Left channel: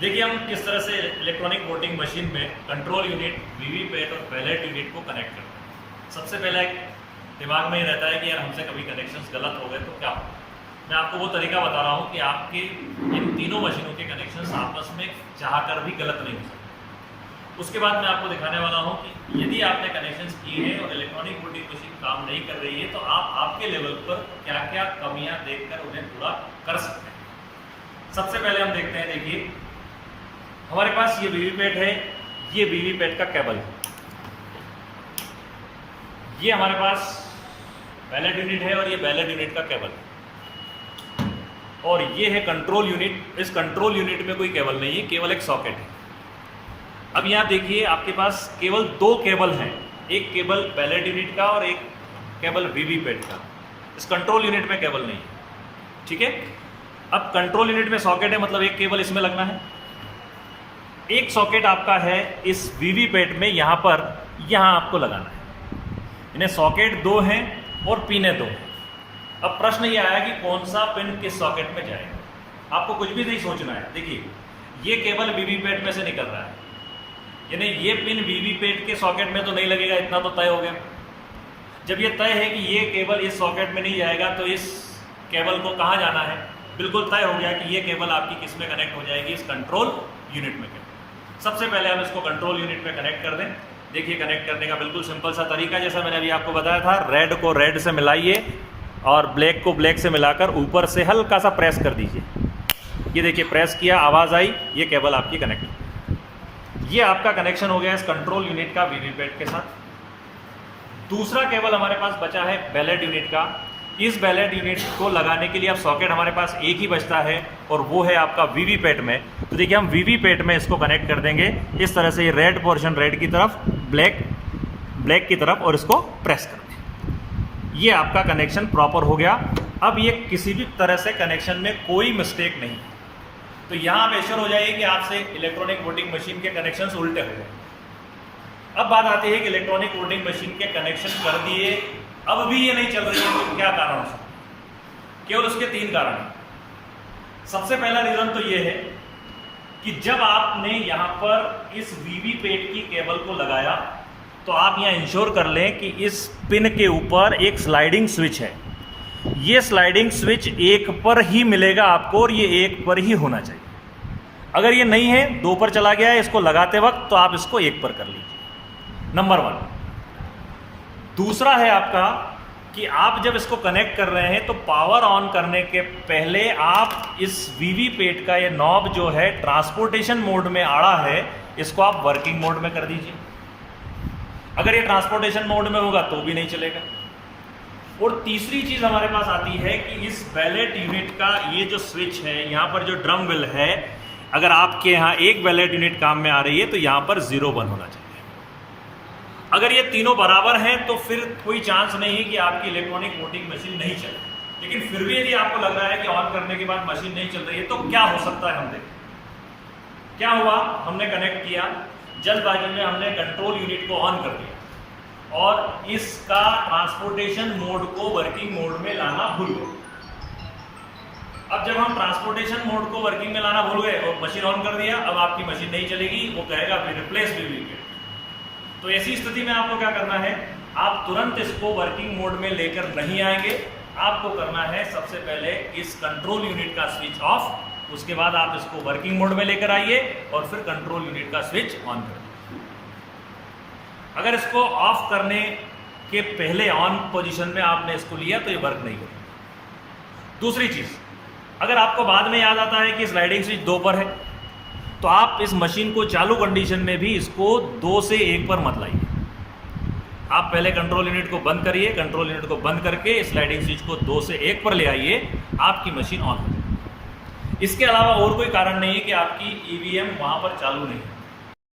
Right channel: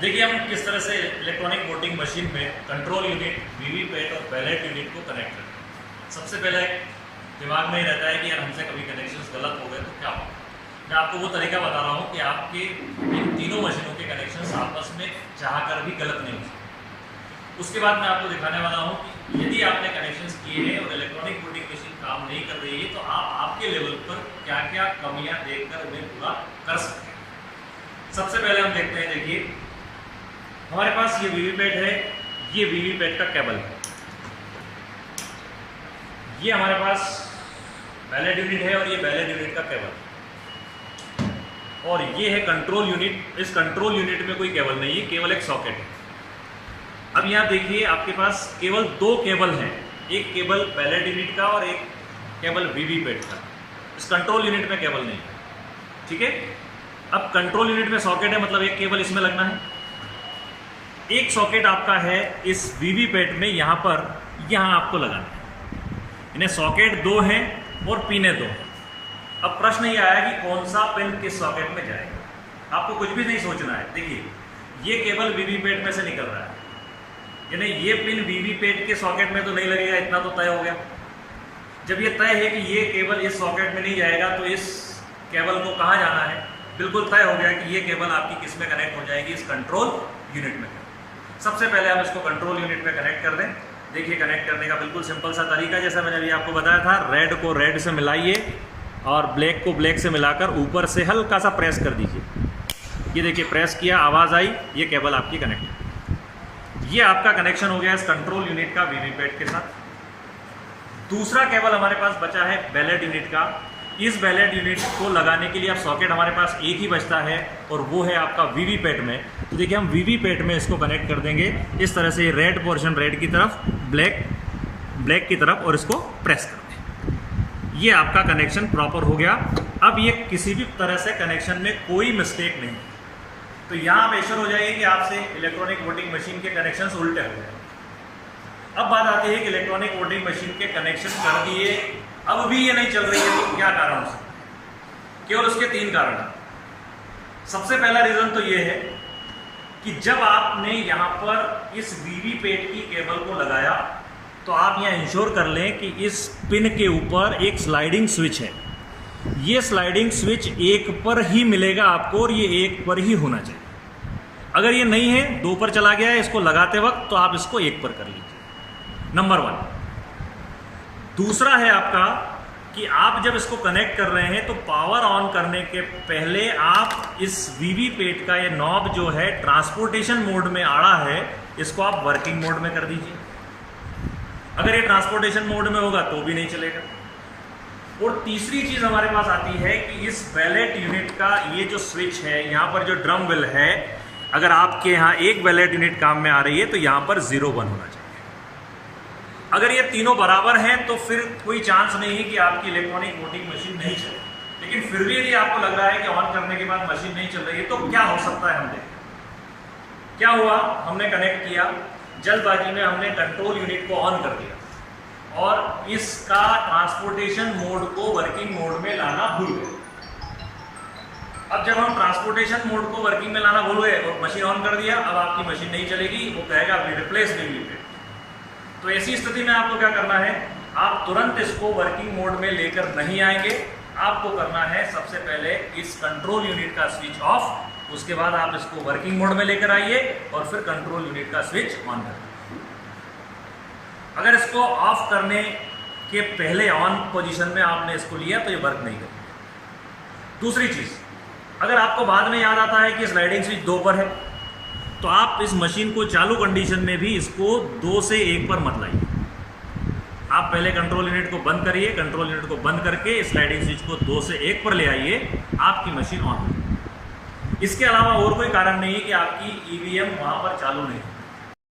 देखिए हम किस तरह से इलेक्ट्रॉनिक वोटिंग मशीन में कंट्रोल यूनिट, वीवीपैट और बैलेट यूनिट को कनेक्ट करते हैं। सबसे पहले दिमाग में ही रहता है कि यार हमसे कभी कनेक्शंस गलत हो गए तो क्या होगा। मैं आपको वो तरीका बता रहा हूँ कि आपके इन तीनों मशीनों के कनेक्शंस आपस में चाहकर भी गलत नहीं हो सकते। उसके बाद मैं आपको दिखाने वाला हूँ कि यदि आपने कनेक्शंस किए हैं और इलेक्ट्रॉनिक वोटिंग मशीन काम नहीं कर रही है तो आप आपके लेवल पर क्या क्या कमियाँ देखकर उन्हें पूरा कर सकते हैं। सबसे पहले हम देखते हैं, देखिए हमारे पास ये वीवीपैट है, ये वीवीपैट का केबल है, ये हमारे पास बैलेट यूनिट है और ये बैलेट यूनिट का केबल है, और ये है कंट्रोल यूनिट। इस कंट्रोल यूनिट में कोई केबल नहीं है, केवल एक सॉकेट है। अब यहाँ देखिए आपके पास केवल दो केबल हैं, एक केबल बैलेट यूनिट का और एक केबल वीवीपैट का। इस कंट्रोल यूनिट में केबल नहीं है, ठीक है। अब कंट्रोल यूनिट में सॉकेट है, मतलब एक केबल इसमें लगना है। एक सॉकेट आपका है इस वीवीपैट में, यहाँ पर यहाँ आपको लगाना है। इन्हें सॉकेट दो हैं और पिने दो हैं। अब प्रश्न ये आया कि कौन सा पिन किस सॉकेट में जाएगा। आपको कुछ भी नहीं सोचना है। देखिए ये केबल वीवीपैट में से निकल रहा है, यानी ये पिन वीवीपैट के सॉकेट में तो नहीं लगेगा, इतना तो तय हो गया। जब ये तय है कि ये केबल इस सॉकेट में नहीं जाएगा तो इस केबल को कहाँ जाना है, बिल्कुल तय हो गया कि ये केबल आपकी किस में कनेक्ट हो जाएगी, इस कंट्रोल यूनिट में। सबसे पहले हम इसको कंट्रोल यूनिट में कनेक्ट कर दें। देखिए कनेक्ट करने का बिल्कुल सिंपल सा तरीका, जैसा मैंने अभी आपको बताया था। रेड को रेड से मिलाइए और ब्लैक को ब्लैक से मिलाकर ऊपर से हल्का सा प्रेस कर दीजिए। ये देखिए प्रेस किया, आवाज़ आई, ये केबल आपकी कनेक्ट। ये आपका कनेक्शन हो गया इस कंट्रोल यूनिट का वीवीपैट के साथ। दूसरा केबल हमारे पास बचा है बैलेट यूनिट का। इस बैलेट यूनिट को लगाने के लिए अब सॉकेट हमारे पास एक ही बचता है और वो है आपका वीवीपैट में। तो देखिए हम वीवीपैट में इसको कनेक्ट कर देंगे इस तरह से, रेड पोर्शन रेड की तरफ, ब्लैक ब्लैक की तरफ, और इसको प्रेस कर दें। ये आपका कनेक्शन प्रॉपर हो गया। अब ये किसी भी तरह से कनेक्शन में कोई मिस्टेक नहीं। तो यहाँ आप एश्योर हो जाइए कि आपसे इलेक्ट्रॉनिक वोटिंग मशीन के कनेक्शन उल्टे हो गए। अब बात आती है कि इलेक्ट्रॉनिक वोटिंग मशीन के कनेक्शन कर दिए, अब भी ये नहीं चल रही है, तो क्या कारण से? केवल उसके तीन कारण हैं। सबसे पहला रीजन तो ये है कि जब आपने यहां पर इस वीवीपैट की केबल को लगाया तो आप यहां इंश्योर कर लें कि इस पिन के ऊपर एक स्लाइडिंग स्विच है। ये स्लाइडिंग स्विच एक पर ही मिलेगा आपको और ये एक पर ही होना चाहिए। अगर ये नहीं है, दो पर चला गया है इसको लगाते वक्त, तो आप इसको एक पर कर लीजिए, नंबर 1। दूसरा है आपका कि आप जब इसको कनेक्ट कर रहे हैं तो पावर ऑन करने के पहले आप इस वीवीपैट का ये नॉब जो है ट्रांसपोर्टेशन मोड में आड़ा है, इसको आप वर्किंग मोड में कर दीजिए। अगर ये ट्रांसपोर्टेशन मोड में होगा तो भी नहीं चलेगा। और तीसरी चीज हमारे पास आती है कि इस बैलेट यूनिट का ये जो स्विच है, यहाँ पर जो ड्रम बिल है, अगर आपके यहाँ एक बैलेट यूनिट काम में आ रही है तो यहाँ पर 0-1 होना चाहिए। अगर ये तीनों बराबर हैं तो फिर कोई चांस नहीं है कि आपकी इलेक्ट्रॉनिक वोटिंग मशीन नहीं चले। लेकिन फिर भी यदि आपको लग रहा है कि ऑन करने के बाद मशीन नहीं चल रही है तो क्या हो सकता है, हम देखें। क्या हुआ, हमने कनेक्ट किया, जल्दबाजी में हमने कंट्रोल यूनिट को ऑन कर दिया और इसका ट्रांसपोर्टेशन मोड को वर्किंग मोड में लाना भूल गए। अब जब हम ट्रांसपोर्टेशन मोड को वर्किंग में लाना भूल गए और मशीन ऑन कर दिया, अब आपकी मशीन नहीं चलेगी, वो कहेगा रिप्लेस वीवीपैट। तो ऐसी स्थिति में आपको क्या करना है, आप तुरंत इसको वर्किंग मोड में लेकर नहीं आएंगे। आपको करना है सबसे पहले इस कंट्रोल यूनिट का स्विच ऑफ, उसके बाद आप इसको वर्किंग मोड में लेकर आइए और फिर कंट्रोल यूनिट का स्विच ऑन करिए। अगर इसको ऑफ करने के पहले ऑन पोजीशन में आपने इसको लिया तो ये वर्क नहीं करेगा। दूसरी चीज, अगर आपको बाद में याद आता है कि स्लाइडिंग स्विच 2 पर है तो आप इस मशीन को चालू कंडीशन में भी इसको 2 से 1 पर मत लाइए। आप पहले कंट्रोल यूनिट को बंद करिए, कंट्रोल यूनिट को बंद करके स्लाइडिंग स्विच को 2 से 1 पर ले आइए, आपकी मशीन ऑन हो। इसके अलावा और कोई कारण नहीं है कि आपकी ईवीएम वहां पर चालू नहीं।